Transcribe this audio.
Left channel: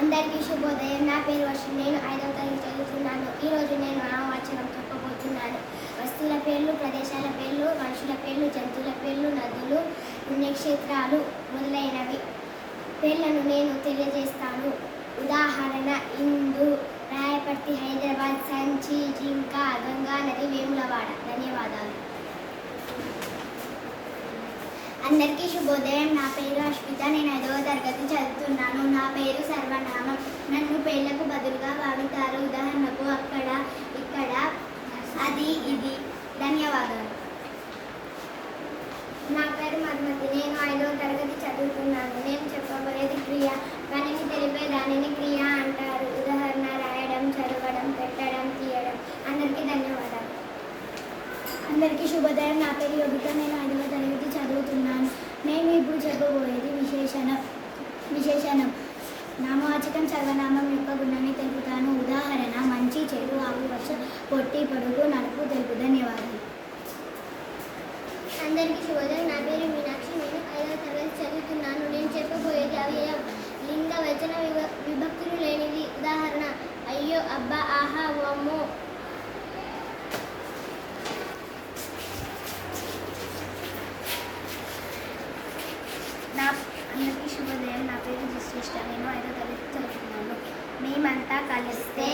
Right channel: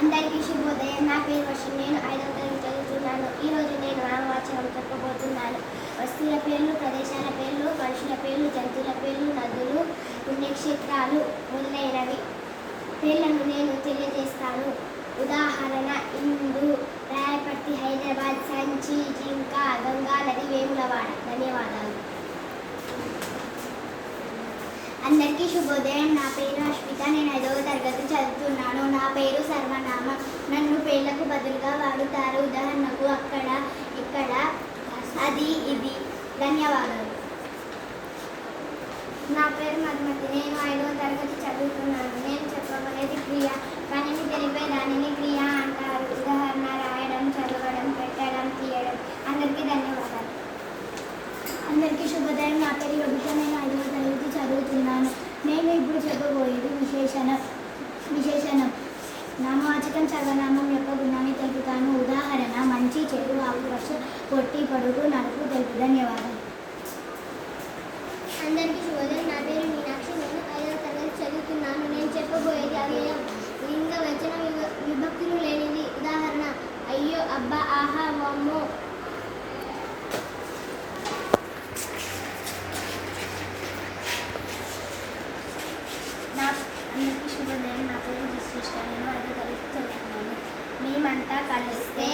అందరికీ శుభోదయం. నా పేరు వర్షం నేను ఐదవ తరగతి చదువుతున్నాను. ఈ రోజు నేను నామవాచకం చెప్పబోతున్నాను. వస్తువుల పేర్లు ప్రదేశాల పేర్లు మనుషుల పేర్లు జంతువుల పేర్లు నదులు పుణ్యక్షేత్రాలు మొదలైనవి. పేర్లను నేను తెలియజేస్తాను. ఉదాహరణ ఇందు రాయపర్తి హైదరాబాద్ సంచి జింక గంగా నది వేములవాడ. ధన్యవాదాలు. అందరికీ శుభోదయం. నా పేరు అశ్విత నేను ఐదవ తరగతి చదువుతున్నాను నా పేరు సర్వనామం నన్ను పేర్లకు బదులుగా వాడుతారు ఉదాహరణకు అక్కడ ఇక్కడ అది ఇది ధన్యవాదాలు. నా పేరు మధుమతి. నేను ఐదవ తరగతి చదువుతున్నాను. నేను చెప్పబోయేది క్రియ. పనిని తెలిపే దానిని క్రియ అంటారు. ఉదాహరణ రాయడం చదవడం పెట్టడం తీయడం. అందరికీ ధన్యవాదాలు. అందరికీ శుభోదయం. నా పేరు యోగిత. నేను ఐదవ తరగతి చదువుతున్నాను. నేను ఇప్పుడు చెప్పబోయేది విశేషణం విశేషణం. నామవాచకం చదవనామం యొక్క గుణాన్ని తెలుపుతాను. ఉదాహరణ మంచి చెడు ఆకుపచ్చ పొట్టి పొడుగు నడుపు తెలుపు. ధన్యవాదాలు అందరికీ శుభోదయం నా పేరు మీనాక్షి నేను ఐదవ తరగతి చదువుతున్నాను నేను చెప్పబోయేది అవ్యయం లింగ వచన విభ- విభక్తులు లేనిది ఉదాహరణ వామ్మో నా అందరికీ శుభోదయం నా పేరు శ్రేష్ట నేను ఐదో తరగతి చదువుతున్నాను మేమంతా కలిస్తే